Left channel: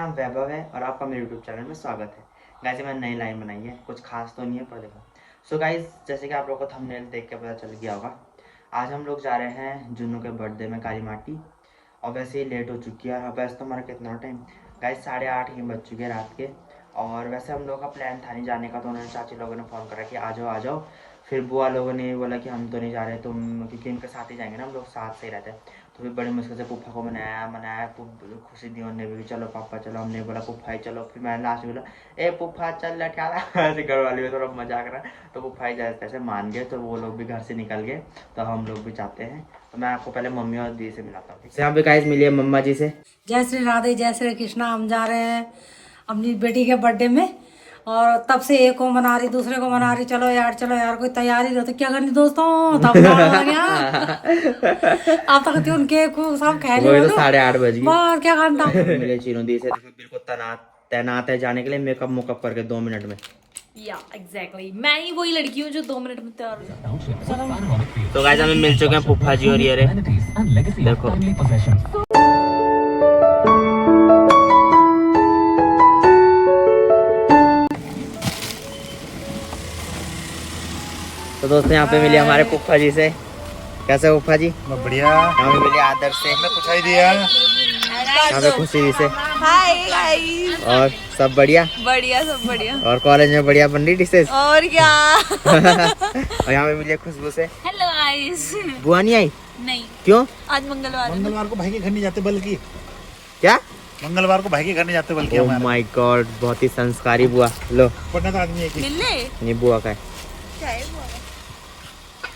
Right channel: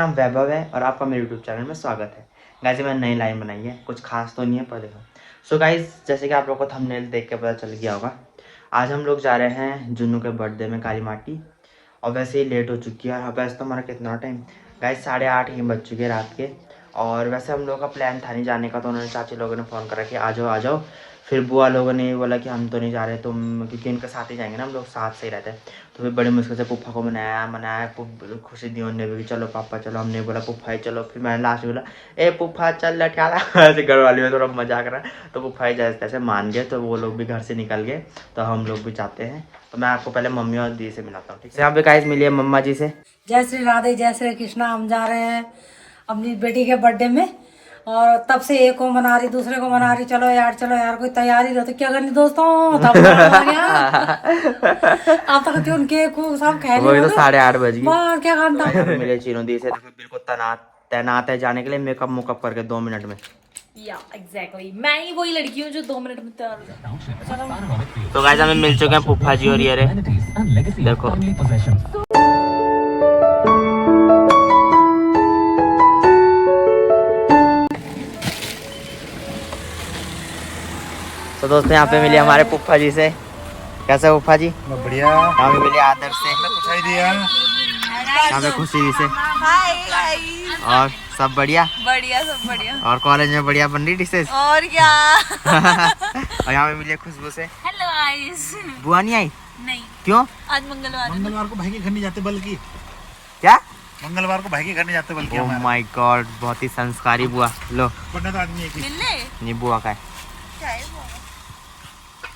नाम वैभव है और आपका मेरे यूट्यूब चैनल में स्वागत है। गाइस मैंने नई लाइन बनाई है, कुछ खास तो नहीं है पर देखो। सो गाइस जैसे कि आप लोगों को थंबनेल देख के पता चल गया होगा, आज हम लोग जा रहे हैं जुन्नू के बर्थडे में काली माटी। और वैसे ही लेट हो चुकी है और वैसे तो हमारा कितना टाइम गाइस 8:30 ही बज चुके हैं रात के। और वैसे हम लोग का प्लान था नहीं जाने का, तो उन्होंने चाची लोगों ने फ़ोन करा कि आ जाओ आ जाओ। फिर बुआ लोगों ने बोला कि हम तो नहीं जा रहे तुम, क्योंकि इनके साथ ही जाएंगे ना, हम लोग साथ से ही रहते हैं। तो फिर बड़ी मुश्किल से पुप्पा को मनाया खुशी दी उन्होंने भी, चलो पापा चलो। हमने बोला पुप्पा ही चलो। फिर मैंने लास्ट में बोला ए पुप्पा चल लठियाला ऐसे घर वाली में थोड़ा मजाक रहा। तो पुप्पा ही जैसे तैसे मान गए, तो वो लोग भी घर से निकल गए। तो हम लोग भी चाहते हैं। तो मैं आपको पहले मम्मी और दी से मिलाता हूँ, ठीक है। यहाँ पे गाइस मिलिए मम्मा जी से। जय श्री राधे जय श्री कृष्णा। हम जा रहे हैं अपनी बेटी के बर्थडे में और तब से एक को मना रही दूसरे को मना रही, चलो यार कोई तैयारी हो तो क्या करनी दोस्तों। तब आ गया अब तक तो उनके सब खा लिया, तो 8:30 बज गए। बाहर क्या खाना मिले चीनों दी से, बिल्कुल तैनात है जाने के लिए, मेकअप करके 2 मिनट में। या एग्जैक्टली मैं ही वही लड़की हूँ जो 2 मिनट में तैयार हो जाता हूँ। तो गाइस हमें मिल चुके हैं पुप्पा जी और ये देखो। तो दोस्तों यहाँ पे मिले हमारे पुप्पा जी से। कैसे पुप्पा जी? बढ़िया। यहाँ पे मिले आदर से, पूछाई दिया। यहाँ पे खुशी जी से। Hi guys. और सब बढ़िया? बढ़िया सब बढ़िया। और कॉलेज में बढ़िया बन रही डिशेज? और क्या और यहाँ पे मिले खुशबू से। Hello guys. बुआ नहीं आई? नहीं, क्यों? आज मंगलवार है। मंगलवार को भाई के घर नहीं जाते, बल्कि क्या मंगलवार को भाई के घर नहीं जाते बल्कि ओह माय गॉड, बहुत ही संस्कारी बुआ। लो पढ़ने का आदमी है कि मिलने ये बुआ का है। क्या है वो?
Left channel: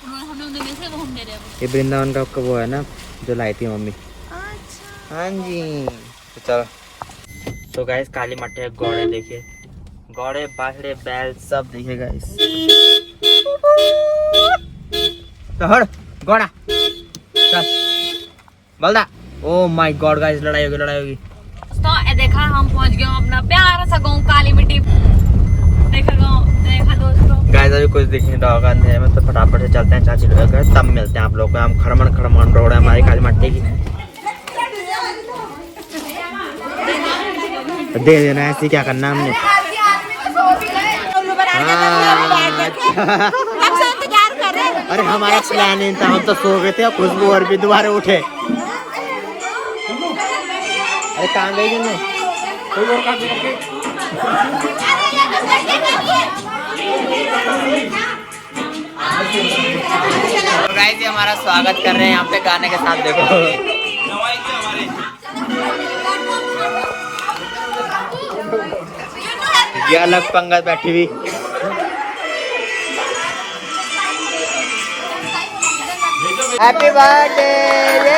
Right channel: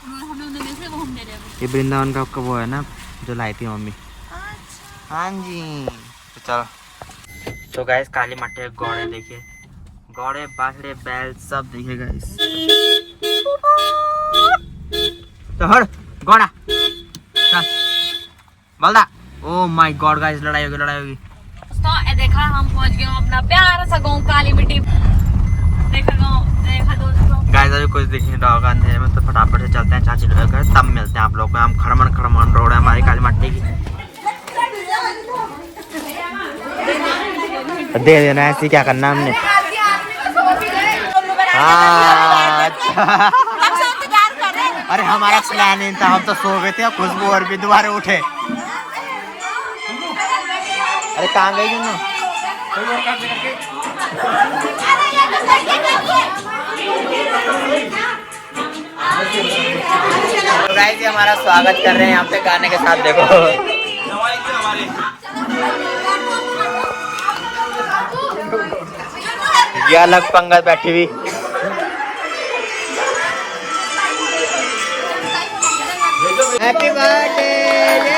हमने उन्हें जैसे वो हम दे रहे हैं। ये वृंदावन का वो है ना जो लाई थी मम्मी। अच्छा हाँ जी। तो चलो। तो गाइस काली मट्टे घोड़े देखिए, घोड़े बाजरे बैल सब देखिए गाइस। तो हट घोड़ा चल बलदा। ओह माय गॉड गाइस, लड़ाई होगी। तो ए देखा हम पहुंच गए अपना प्यारा सा गांव काली मिट्टी। देखा गांव, देखा दोस्तों। गाइस अभी कुछ दिख नहीं रहा होगा अंधेरे में, तो फटाफट से चलते हैं चाची लोग घर, तब मिलते हैं आप लोग को। हम खड़मन रोड है हमारी काली मट्टी की। दे देना ऐसे, क्या करना हमने। अरे हमारा प्लान नहीं था, हम तो सो गए थे। खुशबू और भी दोबारा उठे। अरे कहाँ गई जुन्नू? तो गाइस ये हमारा स्वागत कर रहे हैं यहाँ पे गाने के साथ, देखो। ये अलग पंगत बैठी हुई। हैप्पी बर्थडे लो।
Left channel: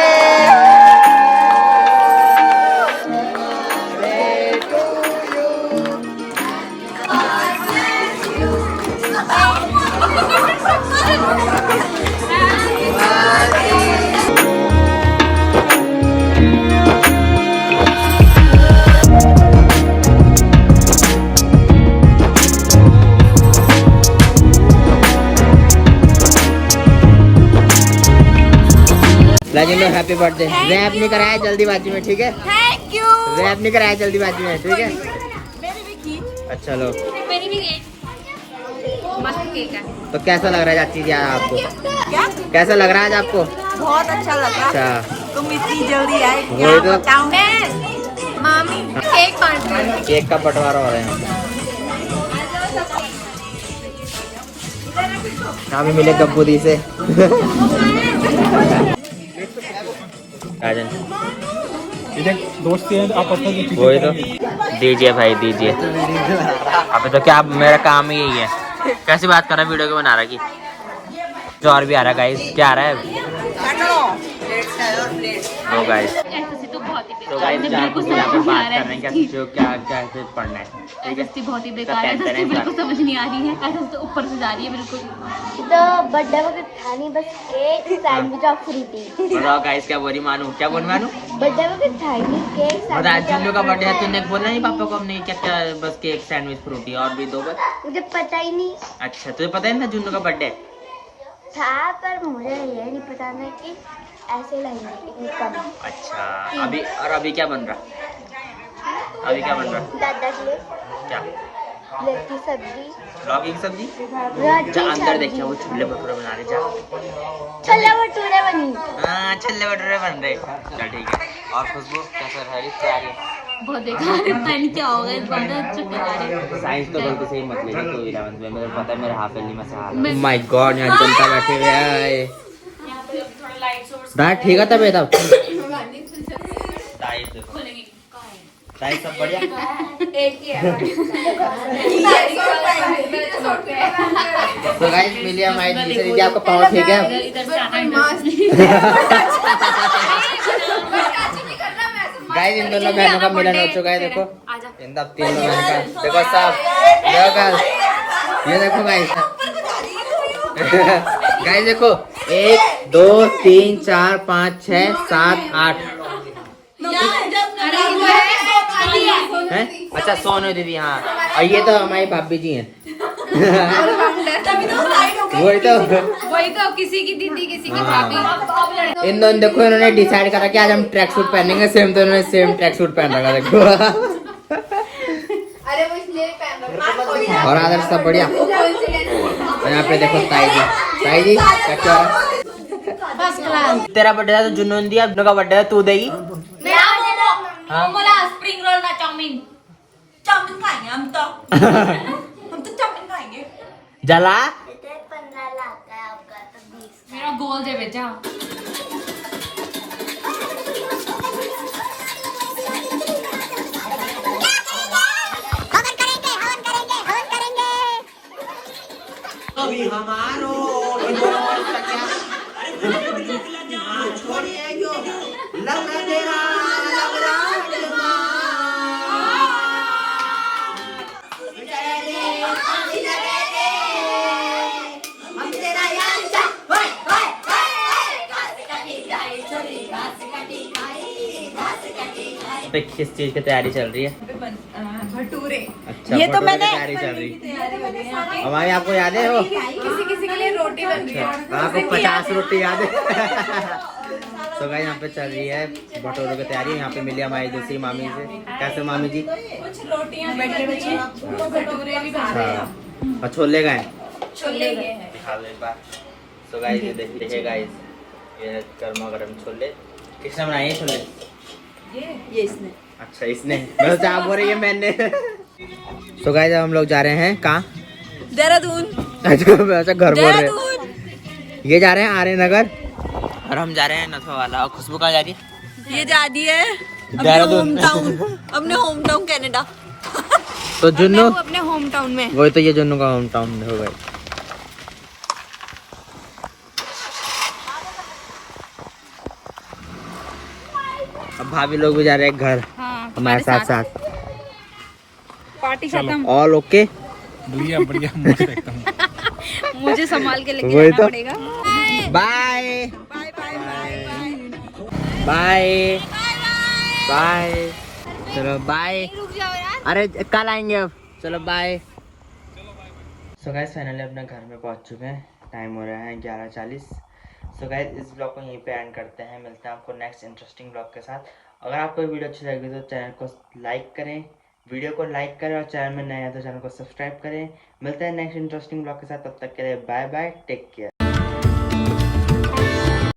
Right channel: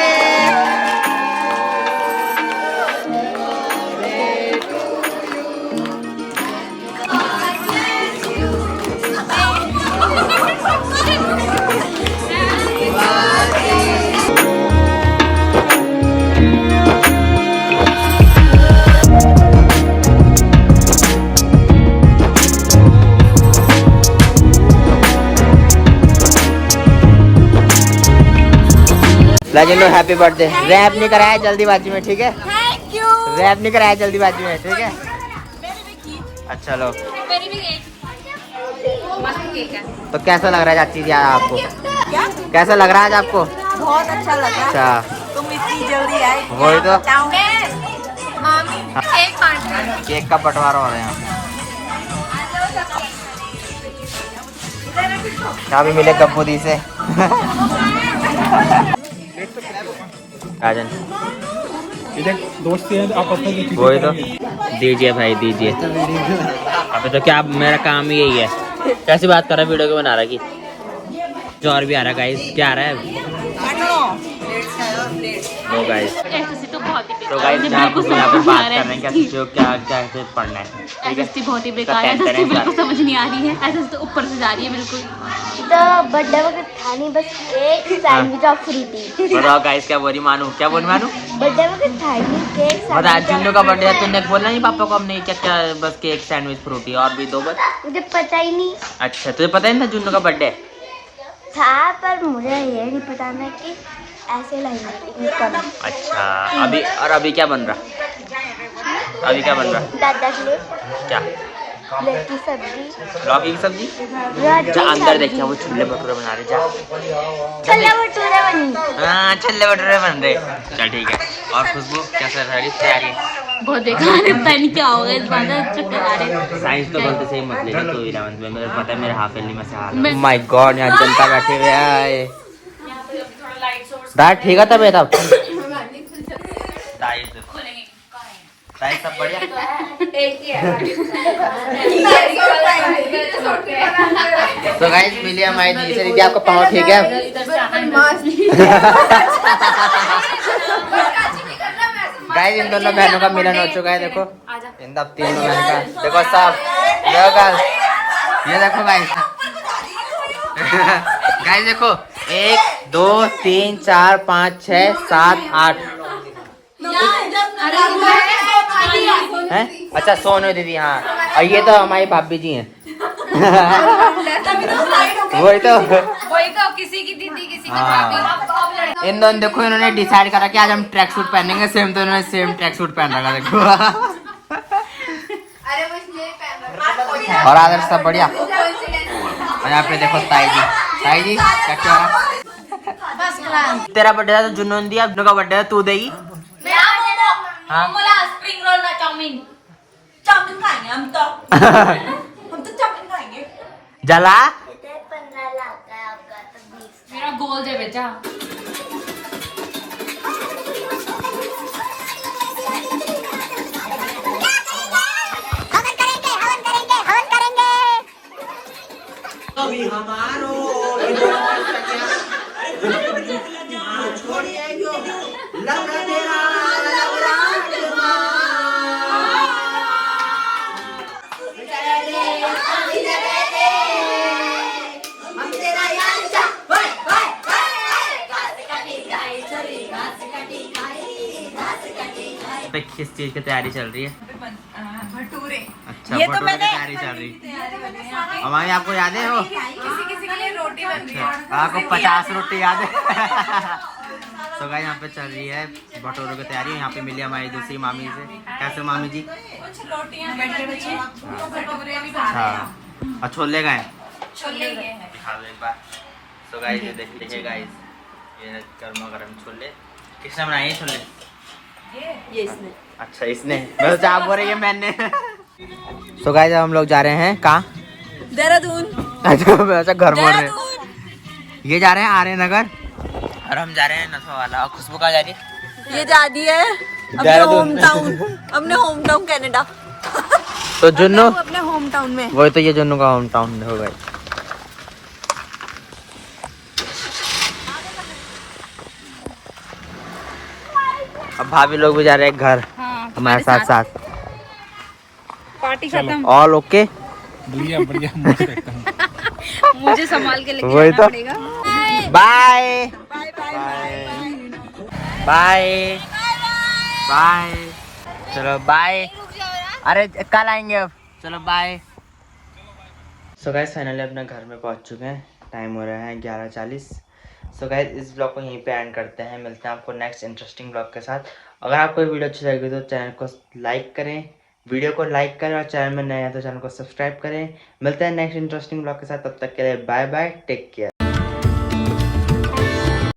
Happy birthday. रैप नहीं कराया जल्दीबाजी में, ठीक है? Thank you. रैप नहीं कराया जल्दीबाजी में, ठीक है? अच्छा लो। मेरी भी मस्त केक है। तो कैसा लग रहा है चाची जी आपको? क्या? कैसा लग रहा है आज आपको? बहुत अच्छा लगा। अच्छा तुम इतनी जल्दी आए। वही तो। मामी केक काट रही है। केक का बंटवारा हो रहा है। यहाँ भी मिले गप्पू दी से। राजन दोस्त हैं आपस में, वही तो। दीजिए भाई दीजिए। अभी तो क्या मेरा काम ही यही है। कैसी बात कर रहा है, वीडियो को बना रहा है कि जो और भी आ रहा है गाइस? क्या आ रहा है? No guys. तो गाइस यहाँ पे बात कर रहे हैं कैसे जो क्या पढ़ना है, ठीक है? बहुत ही बेकार है, बिल्कुल समझ नहीं आ रही है। ऐसे तो ऊपर से जा रही है बिल्कुल। तो बर्थडे वक्त था नहीं, बस केक सैंडविच और फ्रूटी। बताओ गाइस क्या बोली मानू? बर्थडे वक्त था नहीं, केक बता। सैंडविच। जुन्नू का बर्थडे है, तुमने बोला नहीं पापा को हमने क्या बस केक सैंडविच फ्रूटी और भी 2 बस? मुझे पता ही नहीं अच्छा तुझे पता नहीं था जुन्नू का बर्थडे था, पर मुझे ये नहीं पता था कि ऐसे लगेगा। अच्छा। अभी क्या बन रहा? अभी क्या बन रहा है? दादा के लिए क्या? लड़की सब्जी लौकी की सब्जी? रोटी जा अंदर देखिए वो सब्जी छोले भटूरे बना रहे। जा छोले भटूरे बनी। हाँ छोले भटूरे बन रहे। चल ठीक है। और खुशबू कैसा रही तैयारी? बहुत बेकार है, पता नहीं क्या होगा इस बार, चक्कर आ रहे हैं। साइंस तो गलती से ही मत ले लो तो 11th में मेरे पता है मेरे हाफ ईयरली में से हाल। माय गॉड यहाँ जनता बैठे हुए हैं। दादा ठीक है तब तब तो गाइस मिलिए हमारी दूसरी दीदी। आपका पाँव ठीक है? गाइस इन दोनों बहनों का मिलन हो चुका है। देखो इन दो तीन बहनों का देखो सब ये देखो गाइस। गाइस देखो 1 2 3 4 5 6 7 8 हैं। अच्छा सोनू दीदी हाँ, और ये तो हमारी भाभी जी हैं। वही तो किसी की दीदी किसी की हाँ। इन दोनों देखो इन्होंने डिसाइड करा कि आज हम ट्रैक सूट पहनेंगे सेम, तो इन्होंने सेम ट्रैक सूट पहन रखा देखो। और आदर सब बढ़िया। और यहाँ पे देखो ताई जी क्या हो रहा? तेरा बर्थडे है तो जुन्नू ने दिया, अपने का बर्थडे है तू देगी। हाँ? स्प्रिंग रोल ना चाउमीन खाएंगे हम तो चाउमीन खाएंगे। जला 15 लाख का है आपका तो 20 मेरा गोल है बेटा। किस चीज की तैयारी चल रही है? भटूरे। अच्छा ये तो मैंने तैयारी चल रही। हमारी आपको याद है वो? किसी किसी के लिए रोटी बन रही है। आपको 50 रोटी याद है? तो गाइस यहाँ पे चल रही है भटूरों की तैयारी। यहाँ पे मिली हमारी दूसरी मामी से। कैसे मामी जी? कुछ रोटियां भटूरे भी हाँ और छोले गए छोले खा लो एक बार। तो गाइस ये देखिए गाइस, ये है गर्मा गर्म छोले। किसने बनाए ये छोले? ये इसने। अच्छा इसने, मैं तो आप बोल रही है मैंने। तो गाइस अब हम लोग जा रहे हैं कहाँ? देहरादून। अच्छा घर बोल रहे हैं। ये जा रहे हैं आर्य नगर और हम जा रहे हैं नथवा वाला। और खुशबू कहाँ जा रही है? ये जाती है अपने होम टाउन कनाडा। तो जुन्नू अपने होम टाउन में। वही तो ये जुन्नू का होम टाउन हो गया। अब भाभी लोग भी जा रहे हैं घर हमारे साथ। पार्टी खत्म। ऑल ओके बढ़िया बढ़िया मस्त एकदम। मुझे संभाल के लेके वही जाना तो। पड़ेगा। Bye bye bye bye bye. चलो बाय। अरे कल आएंगे अब। चलो बाय। सो गाइस फाइनली अपने घर में पहुंच चुके हैं। टाइम हो रहा है 11:40। सो गाइस इस ब्लॉग को यहीं पे एंड करते हैं। मिलते हैं आपको नेक्स्ट इंटरेस्टिंग ब्लॉग के साथ। अगर आपको ये वीडियो अच्छी लगी तो चैनल को लाइक करें, वीडियो को लाइक करें और चैनल में नए हैं तो चैनल को सब्सक्राइब करें। मिलते हैं नेक्स्ट इंटरेस्टिंग ब्लॉग के साथ। तब तक के लिए बाय बाय, टेक केयर।